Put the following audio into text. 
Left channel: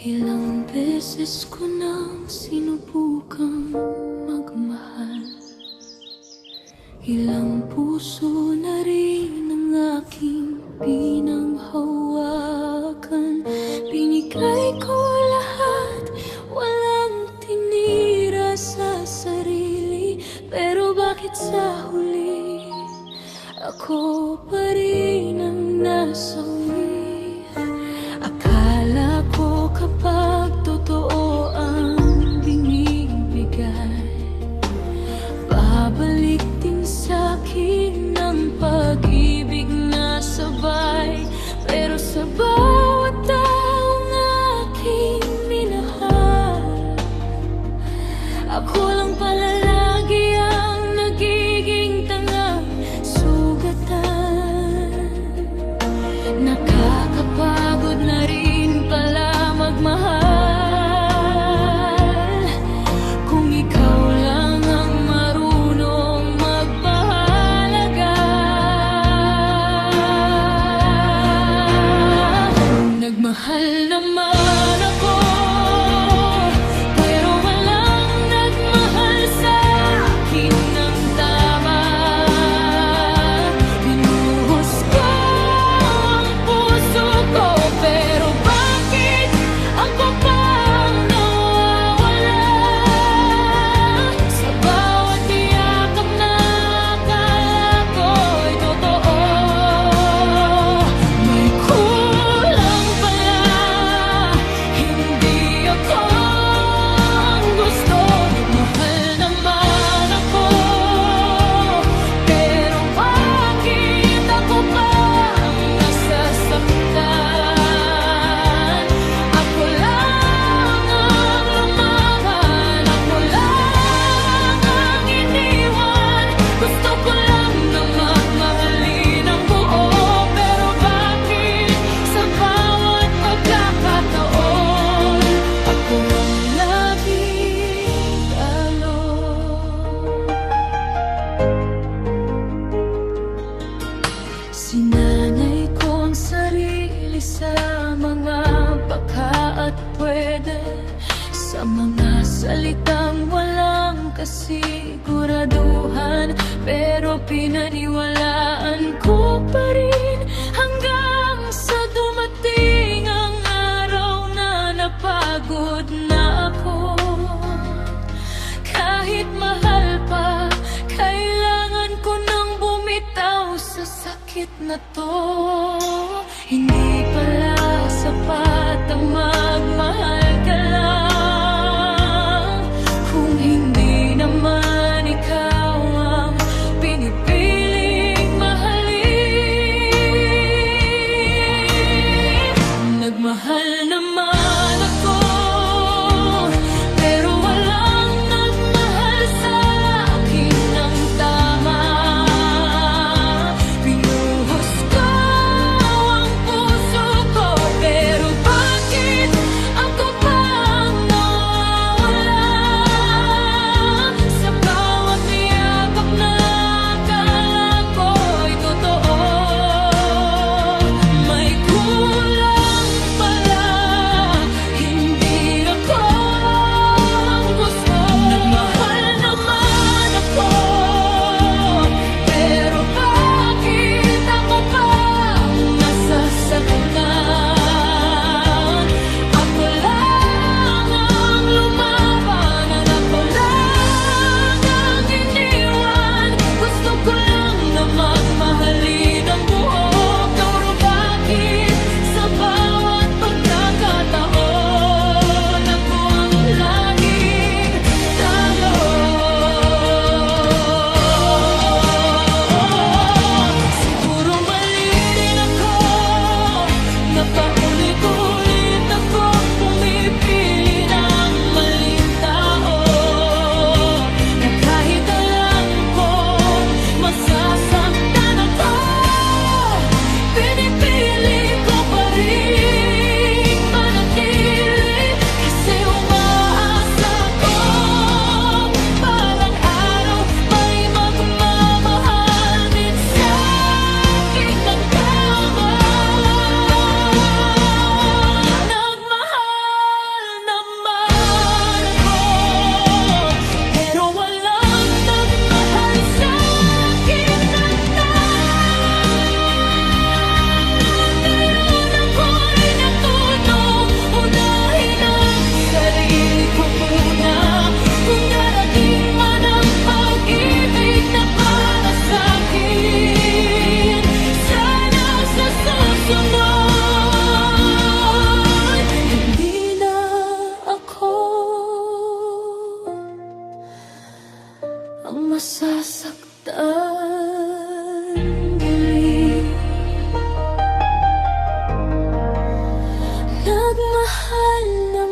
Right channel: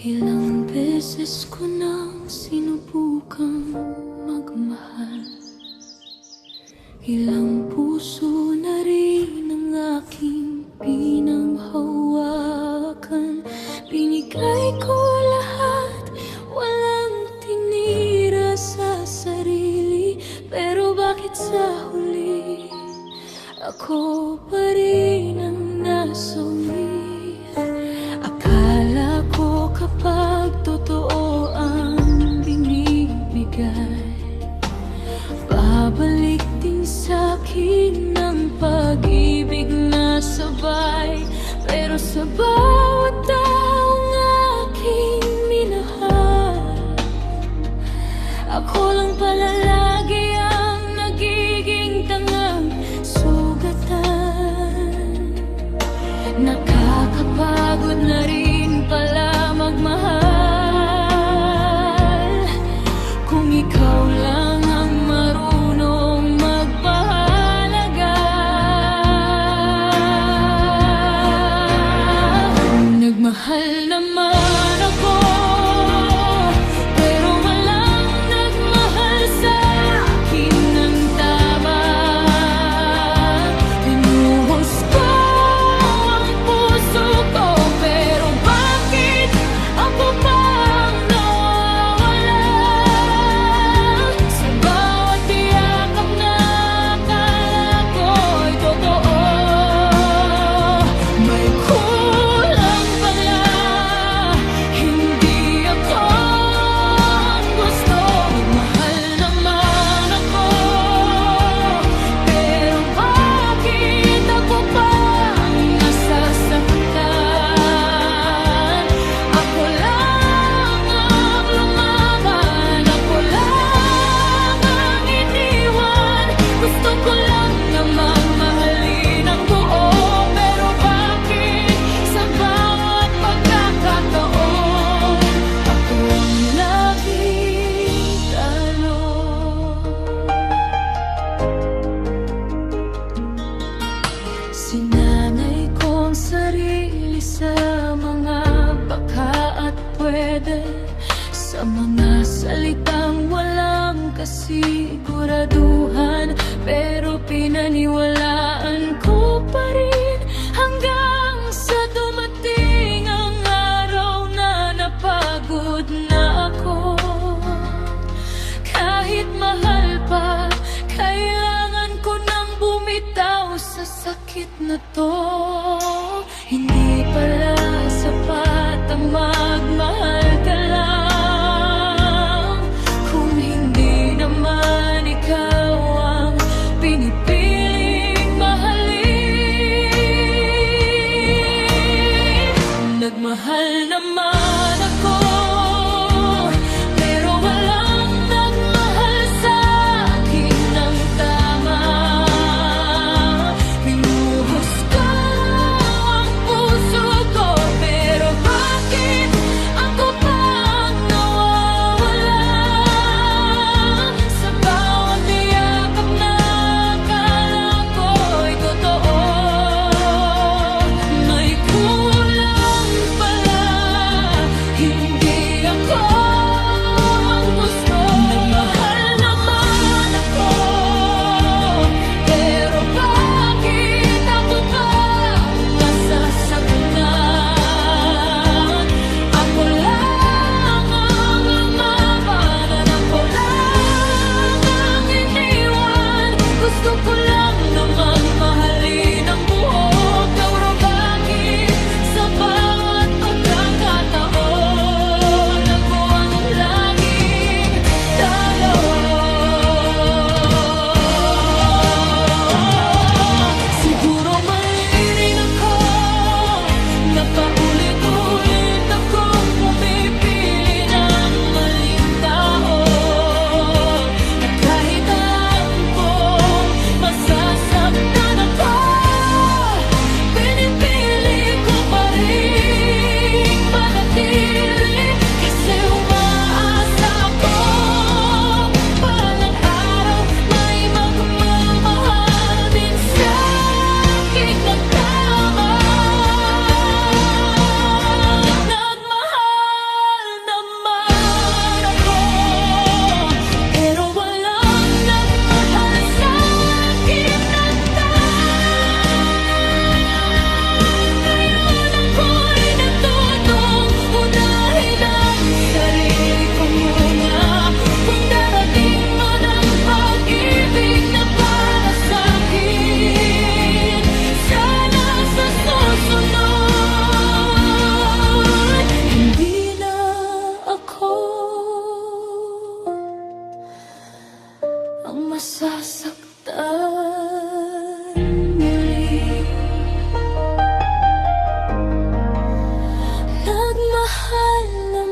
Ilang beses ko nang sinubukang magmahal. Ilang puso na rin ang aking pinanghawakan. Binigay ko lahat, walang tinira sa sarili. Pero bakit sa huli, ako pa rin ang nasawi? Akala ko kapag totoo ang binibigay, babalik din sa'kin ng pag-ibig na sabay. Pero sa bawat taong aking minahal, ako lang pala lagi ang nagiging tangang sugatan. Nakakapagod na rin pala magmahal kung ikaw lang ang marunong magpahalaga. Nagmahal naman ako, pero walang nagmahal sa akin ng tama. Binuhos ko ang puso ko, pero bakit ako pang nawawala? Sa bawat yakap na akala ko'y totoo, may kulang pala. Hindi ako ang gusto. Nagmahal naman ako, pero bakit ako pang nasasaktan? Ako lang ang lumaban, ako lang ang iniwan. Gusto ko lang namang mahalin ang buo, pero bakit sa bawat pagkakataon ako ang laging talo? Sinanay ko ang sarili sa mga baka at pwede, sa mga salitang walang kasiguraduhan. Pero pinaniwalaan ko pa rin hanggang sa dumating ang araw na napagod na ako. Kahit mahal pa, kailangan ko nang bumitaw sa sakit na to. Hindi pala sapat ang magmahal ka lang kung hindi naman ikaw ang pinipiling mahalin. Nagmahal naman ako, pero walang nagmahal sa akin ng tama. Binuhos ko ang puso ko, pero bakit ako pang nawawala? Sa bawat yakap na akala ko'y totoo, may kulang pala. Hindi mahal na